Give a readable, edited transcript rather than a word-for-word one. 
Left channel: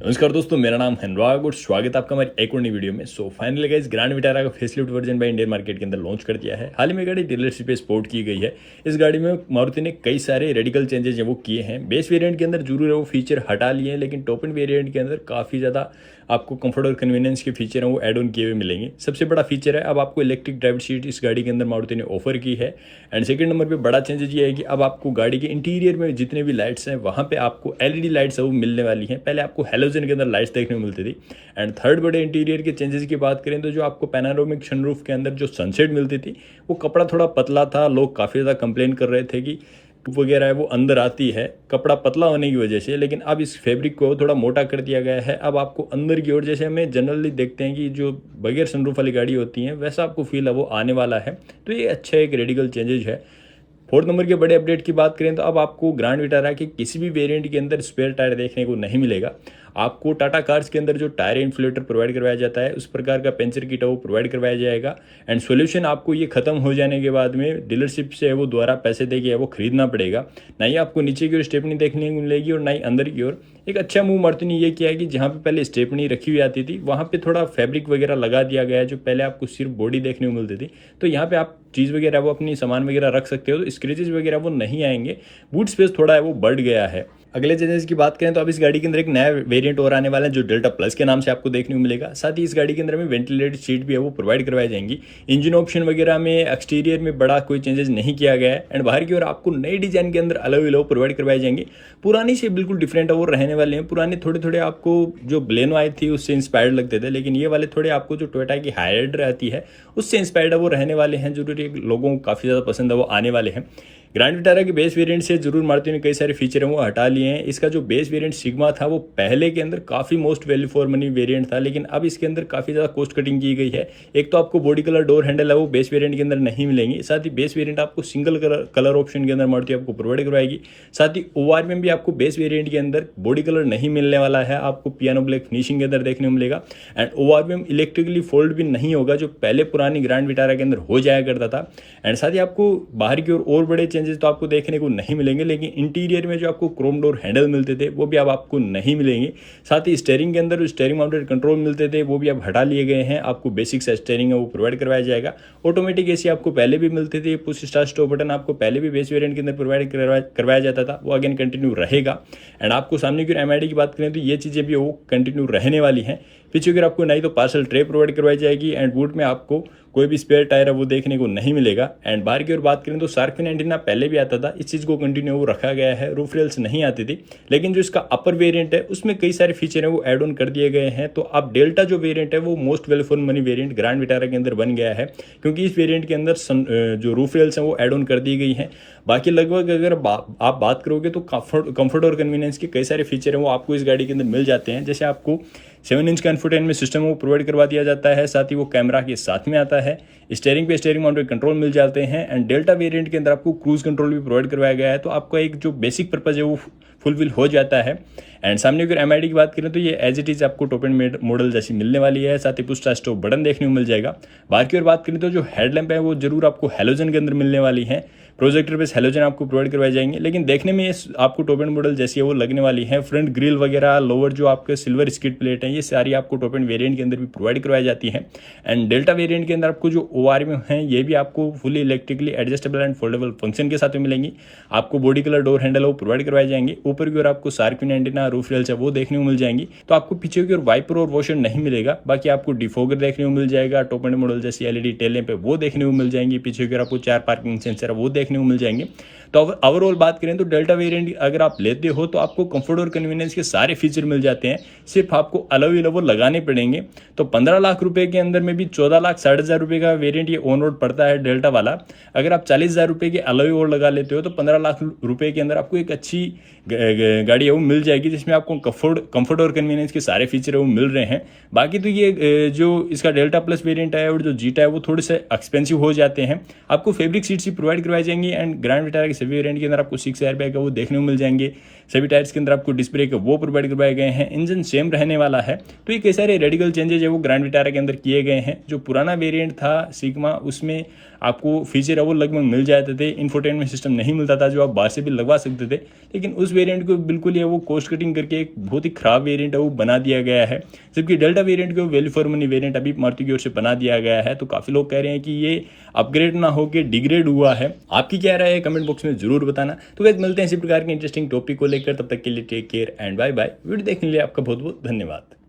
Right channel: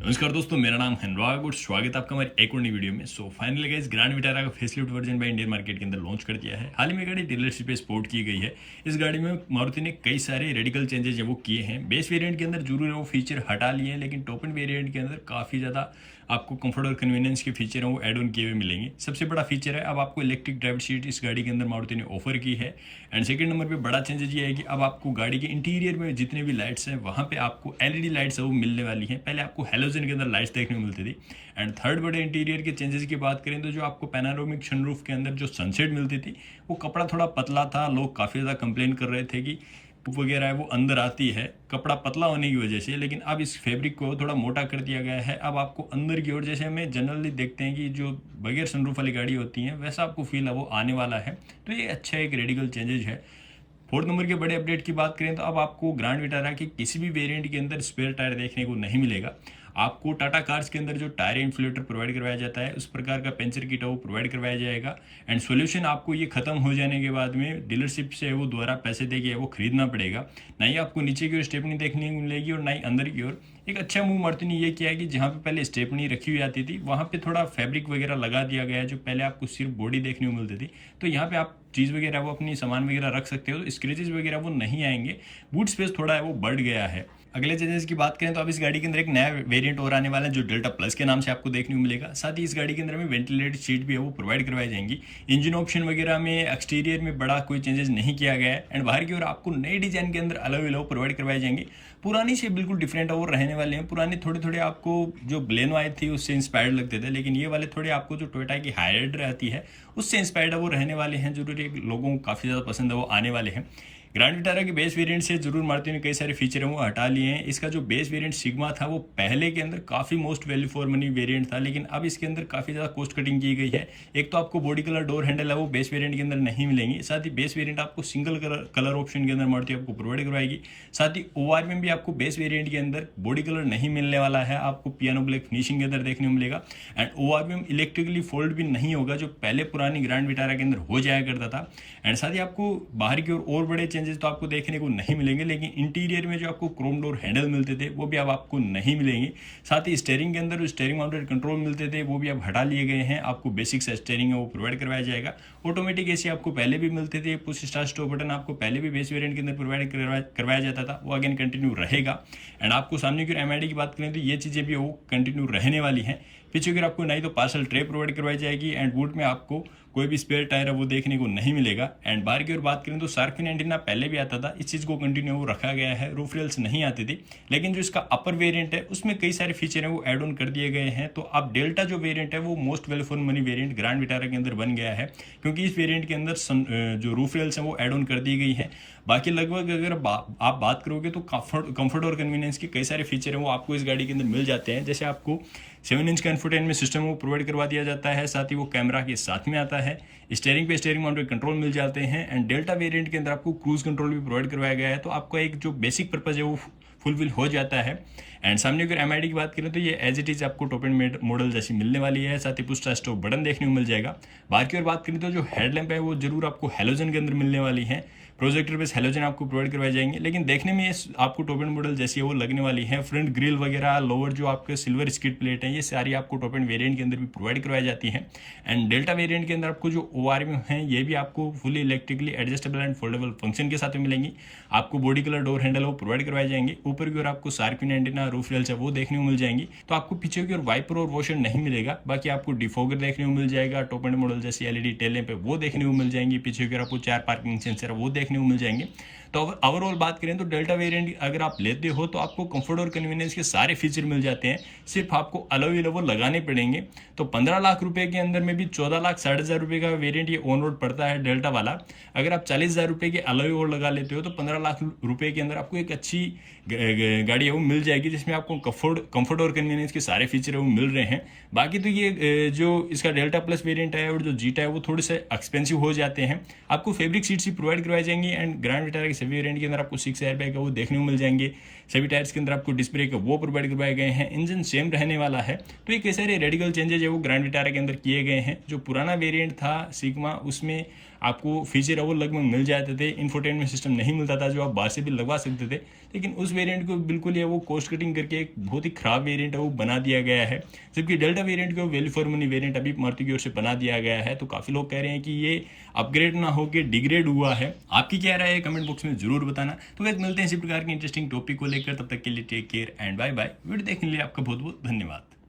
नमस्कार दोस्तों, मेरा नाम है अनुराग और स्वागत है आपका हमारी एक और नई वीडियो में। फाइनली गाइस, ग्रैंड विटारा का facelift version by Indian market के अंदर लॉन्च कर दिया है। हाल ही में गाड़ी डीलरशिप पे स्पोर्ट की गई है। इस गाड़ी में मारुति ने कई सारे रेडिकल चेंजेस हैं वो किए हैं। बेस वेरिएंट के अंदर जरूर है वो फीचर हटा लिए हैं, लेकिन टॉप एंड वेरिएंट के अंदर काफ़ी ज़्यादा आपको कंफर्ट और कन्वीनियंस के फीचर हैं वो एड ऑन किए हुए मिलेंगे। सबसे बड़ा फीचर है अब आपको इलेक्ट्रिक ड्राइवर सीट इस गाड़ी के अंदर मारुति ने ऑफर की है। एंड सेकंड नंबर पे बड़ा चेंजेस ये है कि अब आपको गाड़ी के इंटीरियर में जितने भी लाइट्स हैं वहाँ पे आपको एलईडी लाइट्स है वो मिलने वाली हैं। पहले आपको हेलोजन के अंदर लाइट्स देखने को मिलती थी। एंड थर्ड बड़े इंटीरियर के चेंजेस की बात करें तो जो आपको पैनारोमिक सनरूफ के अंदर जो सनसेट मिलती थी वो कपड़ा थोड़ा पतला था। लोग काफ़ी ज़्यादा कंप्लेन कर रहे थे कि वगैरह है वो अंदर आती है कपड़ा पतला होने की वजह से, लेकिन अब इस फैब्रिक को थोड़ा मोटा कर दिया गया है। अब आपको अंदर की ओर, जैसे हमें जनरली देखते हैं कि जो बगैर सनरूफ वाली गाड़ी होती है, वैसा आपको फील है वो आने वाला है। तो ये अच्छा एक रेडिकल चेंजेज है। फोर्थ नंबर के बड़े अपडेट की बात करें तो अब आपको ग्रैंड विटारा के किसी भी वेरिएंट के अंदर स्पेयर टायर देखने को नहीं मिलेगा। आपको टाटा कार्स के अंदर जो टायर इन्फ्लेटर प्रोवाइड करवाया जाता है उस प्रकार का पंचर किट वो प्रोवाइड करवाया जाएगा। एंड सोल्यूशन आपको ये खत्म हो जाने के बाद में डीलरशिप से वो दोबारा पैसे देके वो खरीदना पड़ेगा। ना ही आपको नीचे की ओर स्टेपनी देखने को मिलेगी और ना ही अंदर की ओर। एक अच्छा मूव मारुति ने ये किया है कि जहाँ पे पहले स्टेपनी रखी हुई आती थी वहाँ पे थोड़ा फैब्रिक वगैरह लगा दिया गया है। जो पहले आपको सिर्फ बॉडी देखने को मिलती थी, तो यहाँ पे आप चीज़ वगैरह वो अपनी सामान वगैरह रख सकते हो, तो स्क्रेचेस वगैरह वो नहीं आएंगे। बूट स्पेस थोड़ा है वो बढ़ गया है। अगले चेंजेस की बात करें तो अब इस गाड़ी के अंदर एक नया वेरिएंट और आने वाला है जो डेल्टा प्लस के नाम से आपको देखने को मिलेगा। साथ ही इस गाड़ी के अंदर में वेंटिलेटेड सीट भी है वो प्रोवाइड करवाई जाएंगी। इंजन ऑप्शन वगैरह में एक्सटीरियर में बड़ा कोई चेंजेस नहीं किया गया है। एंड बाहर की ओर आपको नई डिजाइन के अंदर अलग अलग प्रोवाइड करवाए जाएंगे। पुरानी से बिल्कुल डिफरेंट और रहने वाले हैं। पुराने थोड़े थोड़े आपको जो ब्लेनो आई थी उससे इंस्पायर्ड लगते थे, लेकिन ये वाले थोड़े आपको जो टोयोटा की हाइराइडर आती है उससे इंस्पायर्ड वो रहने वाले हैं। जरूरी लोगों को काफ़ी ज़्यादा पसंद है वो आने वाले हैं। ग्रैंड विटारा के बेस वेरिएंट से जरूर मारुति ने कई सारे फीचर हैं वो हटा लिए हैं। इसका जो बेस वेरिएंट सिग्मा था वो पहले के अंदर काफ़ी most value for money variant था, लेकिन अब इसके अंदर काफ़ी ज़्यादा कॉस्ट कटिंग की गई है। एक तो आपको बॉडी कलर डोर हैंडल है वो बेस वेरिएंट के अंदर नहीं मिलेंगे। साथ ही बेस वेरिएंट आपको सिंगल कलर ऑप्शन के अंदर मारुति आपको प्रोवाइड करवाएगी। साथ ही ओआर में भी आपको बेस वेरिएंट के अंदर बॉडी कलर नहीं मिलने वाला है, आपको पियानो ब्लैक फिनिशिंग के अंदर देखने को मिलेगा। एंड ओआर में इलेक्ट्रिकली फोल्ड भी नहीं होगा जो पहले पुरानी ग्रैंड विटारा के अंदर हो जाया करता था। एंड साथ ही आपको बाहर की ओर और बड़े चेंजेस तो आपको देखने को नहीं मिलेंगे, लेकिन इंटीरियर में जो आपको क्रोम डोर हैंडल मिलते थे वो भी अब आपको नहीं मिलेंगे। साथ ही स्टीयरिंग के अंदर जो स्टीयरिंग माउंटेड कंट्रोल मिलते थे वो भी अब हटा लिए गए हैं। आपको बेसिक सा स्टीयरिंग है वो प्रोवाइड करवाया जाएगा। ऑटोमेटिक एसी आपको पहले भी मिलते थे। पुश स्टार्ट स्टॉप बटन आपको पहले भी बेस वेरिएंट के अंदर प्रोवाइड करवाया जाता था, वो अगेन कंटिन्यू रहेगा। एंड आपको सामने की एमआईडी की बात करें तो ये चीज़ें भी वो कंटिन्यू रहने वाली हैं। पीछे अगर आपको नहीं तो पार्सल ट्रे प्रोवाइड करवाई जाएगी। एंड बूट में आपको कोई भी स्पेयर टायर है वो देखने को नहीं मिलेगा। एंड बाहर की ओर बात करें तो शार्क फिन एंटीना पहले भी आता था, इस चीज़ को कंटिन्यू वो रखा गया है। रूफ रेल्स नहीं आती थी, लेकिन जो इसका अपर वेरिएंट है उसमें कई सारे फीचर हैं वो एड ऑन कर दिए गए हैं। तो अब डेल्टा जो वेरिएंट है वो most value for money variant grand Vitara के अंदर बन गया है, क्योंकि इस वेरिएंट के अंदर जो रूफ रेल्स हैं वो एड ऑन कर दी गई हैं। बाकी लगभग अगर आप बात करोगे तो कंफर्ट और कन्वीनियंस के कई सारे फीचर हैं वो आपको इस गाड़ी के अंदर मिल जाते हैं। जैसे आपको 7 इंच का इंफोटेनमेंट सिस्टम वो प्रोवाइड करवा दिया जाता है। साथ ही वो कैमरा के साथ में आता है। स्टीयरिंग पे स्टीयरिंग माउंटेड कंट्रोल मिल जाते हैं। एंड डेल्टा वेरिएंट के अंदर आपको क्रूज कंट्रोल भी प्रोवाइड करवाया गया है। तो आपका एक जो बेसिक पर्पज है वो फुलफिल हो जाता है। एंड सामने अगर एमआईडी की बात करें तो ये एज इट इज़ आपको टॉप एंड मॉडल जैसी मिलने वाली है। साथ ही पुश स्टार्ट स्टॉप बटन देखने को मिल जाएगा। बाहर की ओर बात करें तो जो हेडलैम्प है वो जरूर आपको हेलोजन के अंदर मिलने वाली है। प्रोजेक्टर बेस हेलोजन आपको प्रोवाइड करवाए जाएंगे, लेकिन देखने में ये आपको टॉप एंड मॉडल जैसी है वो लगने वाली है। फ्रंट ग्रिल वगैरह, लोअर जो आपके सिल्वर स्किड प्लेट है, ये सारी आपको टॉप एंड वेरिएंट के अंदर भी प्रोवाइड करवाई जाती है। एंड डेल्टा वेरिएंट के अंदर आपको जो ओआर में है ये भी आपको fully electrically adjustable and foldable function के साथ में मिलेंगी। आपको बॉडी कलर डोर हैंडल वो प्रोवाइड करवाए जाएंगे। ऊपर की ओर आपको shark fin antenna, roof rails है वो देखने को मिल जाएंगी। तो आपको पीछे की ओर वाइपर और वॉशर नहीं मिलेगा। बाकी आपको डिफोगर देखने को मिल जाएगा। टॉप एंड मॉडल जैसी एलईडी टेल लैंप है वो देखने को मिल जाएंगी। पीछे की ओर आपको 4 पार्किंग सेंसर है वो देखने को मिल जाएंगे। तो ओवरऑल बात करें तो डेल्टा वेरिएंट अगर आप लेते हो तो आपको कंफर्ट और कन्वीनियंस के सारे फीचर मिल जाते हैं। सिर्फ आपको अलग अलग वो लगाने पड़ेंगे। तो 15 लाख रुपए के अंदर में भी 14 लाख 60,000 रुपये का वेरिएंट ये ऑन रोड पड़ता है डेल्टा वाला। अगर आप 40,000 रुपये के अलग और लगा लेते हो तो 15 लाख रुपये के अंदर आपको एक अच्छी गाड़ी है वो मिल जाएगी, जिसमें आपको कंफर्ट और कन्वीनियंस के सारे फीचर है वो मिल रहे हैं। बाकी तो ये जो इसका डेल्टा प्लस वेरिएंट है और जो जीटा है वो थोड़े से एक्सपेंसिव हो जाते हैं। आपको फैब्रिक सीट्स ही प्रोवाइड करवाई जाएंगी। एंड ग्रैंड विटारा के सभी वेरिएंट के अंदर आपको 6 एयर बैग है वो देखने को मिल जाएंगे। सभी टायर्स के अंदर आपको डिस्क ब्रेक है वो प्रोवाइड करवाए गए हैं। इंजन सेम रहने वाला है। तो ये कई सारे रेडिकल चेंजेस है वो ग्रैंड विटारा के अंदर किए गए हैं। जो पुराना वेरिएंट था सिग्मा उसमें आपको फीचर है वो लगभग मिल जाते थे। इंफोटेनमेंट सिस्टम नहीं मिलता था जो आप बाहर से भी लगवा सकते थे, लेकिन उस वेरिएंट को बिल्कुल ही वो कॉस्ट कटिंग करके एक बहुत ही खराब वेरिएंट है वो बना दिया गया है। जबकि डेल्टा वेरिएंट को वैल्यू फॉर मनी वेरिएंट अभी मारुति की ओर से बना दिया गया है। तो काफ़ी लोग कह रहे हैं कि ये अपग्रेड ना होकर डिग्रेड हुआ है। आपकी क्या राय है कमेंट बॉक्स में जरूर बताना। तो वैसे मिलते हैं इसी प्रकार के इंटरेस्टिंग टॉपिक को लेकर, तब तक के लिए take care and bye bye. Video देखने के लिए आपका बहुत बहुत धन्यवाद।